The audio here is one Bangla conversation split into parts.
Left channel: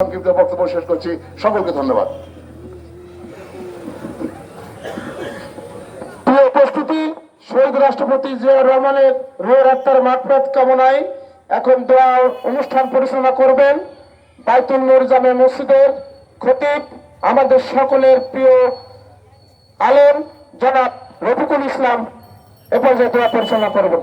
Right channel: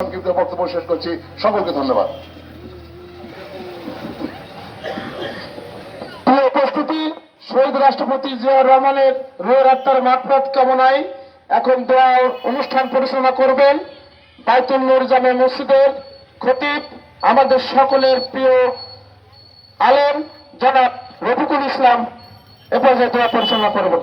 সংক্ষিপ্ত বক্তব্য শেষ করছি। সকলকে ধন্যবাদ। উপস্থিতি, শহীদ রাষ্ট্রপতি রহমানের রোহের আত্মার কামনায় এখন দোয়া অনুষ্ঠান পরিচালনা করবেন বাইতুল নূর জামে মসজিদের খতিব আমাদের সকলের প্রিয় আলেম জনাব রফিকুল ইসলাম এ পর্যায়ে দোয়া পরিচালনা করবেন।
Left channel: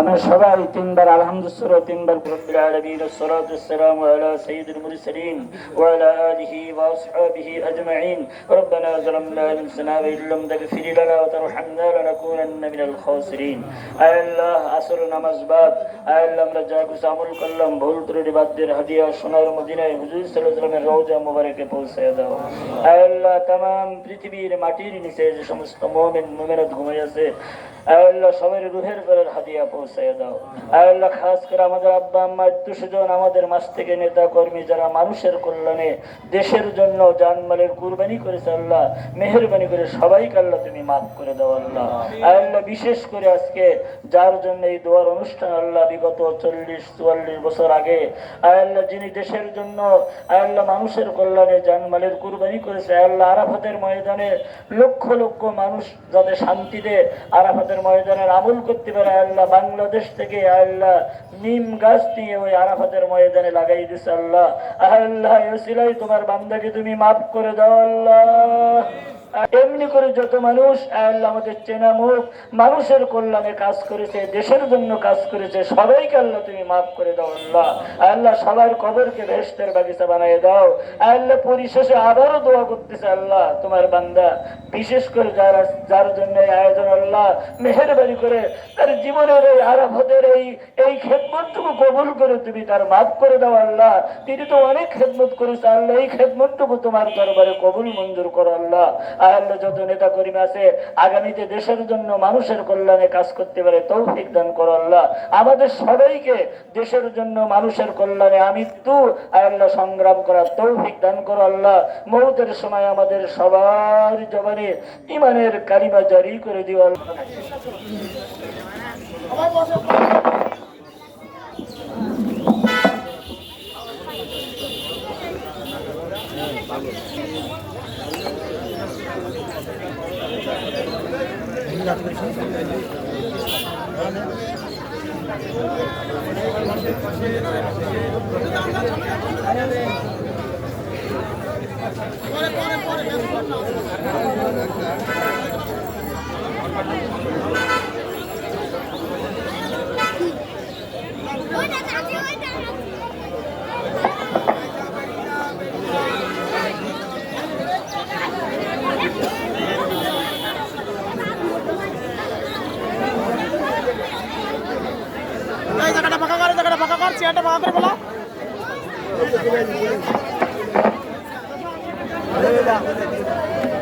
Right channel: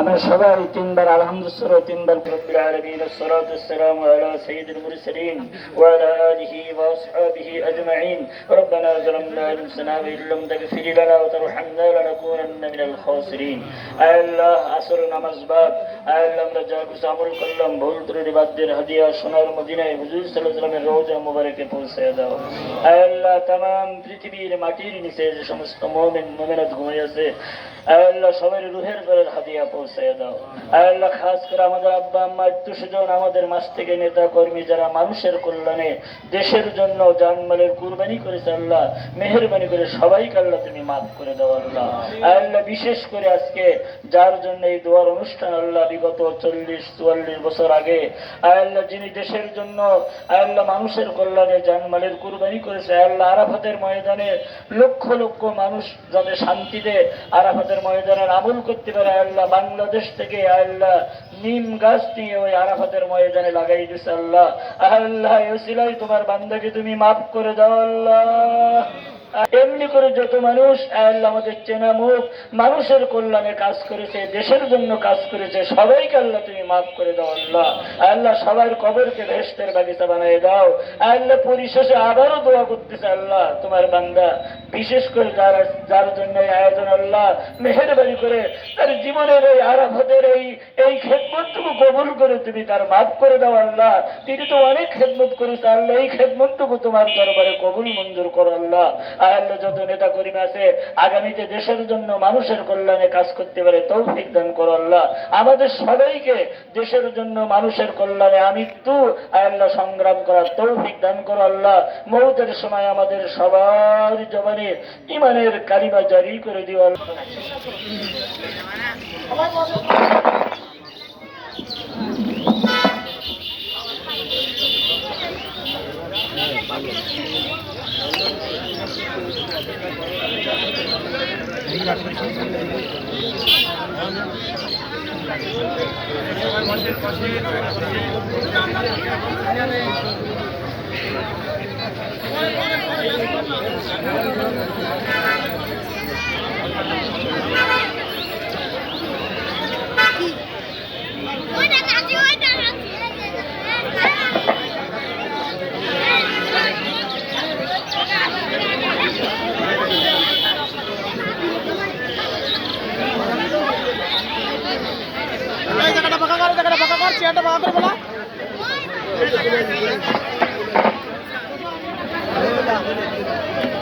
আমরা সবাই তিনবার আলহামদুলিল্লাহ তিনবার রব্বিল আলামিন والصلاه والسلام على سيد المرسلين وعلى اله واصحابه اجمعين ربنا ظلمنا انفسنا وان لم تغفر لنا وترحمنا لنكونن من الخاسرين আয় আল্লাহ আসর নামাজ বাদ আয় আল্লাহ আমরা যা কিছু আমল করলাম ভুল ত্রুটি বাদ্যের হাদিয়া সোনার মদিনায় হুজুর সাল্লাল্লাহু আলাইহি ওয়াসাল্লামের রওজা মুবারকে পৌঁছে দাও আয় আল্লাহ तमाम পৃথিবীর মাটির নিচে যে সমস্ত মুমিন মুমিনাত ঘুমিয়ে আছে আয় রুহের দাও। খাস করে আমাদের আব্বা, আম্মা, আত্মীয়স্বজন, আমাদের মাস থেকে নেতা কর্মী যারা মানুষের কল্যাণে দেশের জন্য জানমালের কুরবানি করেছে আল্লাহ, মেহরবানি করে সবাইকে আল্লাহ তুমি মাফ করে দাও আল্লাহ। বিশেষ করে আজকে যার জন্য এই দোয়ার অনুষ্ঠান আল্লাহ বিগত চল্লিশ, চুয়াল্লিশ বছর আগে আয় আল্লাহ যিনি দেশের জন্য আয় আল্লাহ মানুষের কল্যাণে জানমালের কুরবানি করেছে আয় আল্লাহ আরাফাতের ময়দানে লক্ষ লক্ষ মানুষ যাতে শান্তিতে আরাফাতের ময়দানের আমল করতে পারে আল্লাহ, বাংলাদেশ থেকে আল্লাহ নিম গাছ দিয়ে ওই আরাফাতের ময়দানে লাগাই দিছে আল্লাহ। আল্লাহ এসিলাই তোমার বান্দাকে তুমি মাফ করে দাও আল্লাহ। এমনি করে যত মানুষ আমাদের চেনা মুখ, মানুষের কল্যাণে কাজ করেছে, দেশের জন্য কাজ করেছে, সবাইকে আল্লাহ তুমি মাফ করে দাও আল্লাহ। আল্লাহ সবার কবরকে ভেস্তের বাগিচা বানিয়ে দাও। আল্লাহ পরিশেষে আবারও দোয়া করতেছে আল্লাহ, তোমার বান্দা বিশেষ করে যার যার জন্য আয়োজন আল্লাহ মেহরবানি করে তার জীবনের এই আরাফতের এই এই খেদমতটুকু কবুল করে তুমি তার মাফ করে দাও আল্লাহ। তিনি তো অনেক খেদমত করেছে আল্লাহ, এই খেদমতটুকু তোমার দরবারে কবুল মঞ্জুর করো আল্লাহ। আর আল্লাহ যত নেতা কর্মী আছে, আগামীতে দেশের জন্য মানুষের কল্যাণে কাজ করতে পারে তৌফিক দান করো আল্লাহ। আমাদের সবাইকে দেশের জন্য মানুষের কল্যাণে আমৃত্যু আল্লাহ সংগ্রাম করার তৌফিক দান করো আল্লাহ। মৌতের সময় আমাদের সবার জবানে ইমানের কালিমা জারি করে দিও আল্লাহ ওইটা জায়গাটা ফাঁকা কর জায়গাটা ফাঁকা কর চেয়ারটা ফাঁকা করে বলা ওই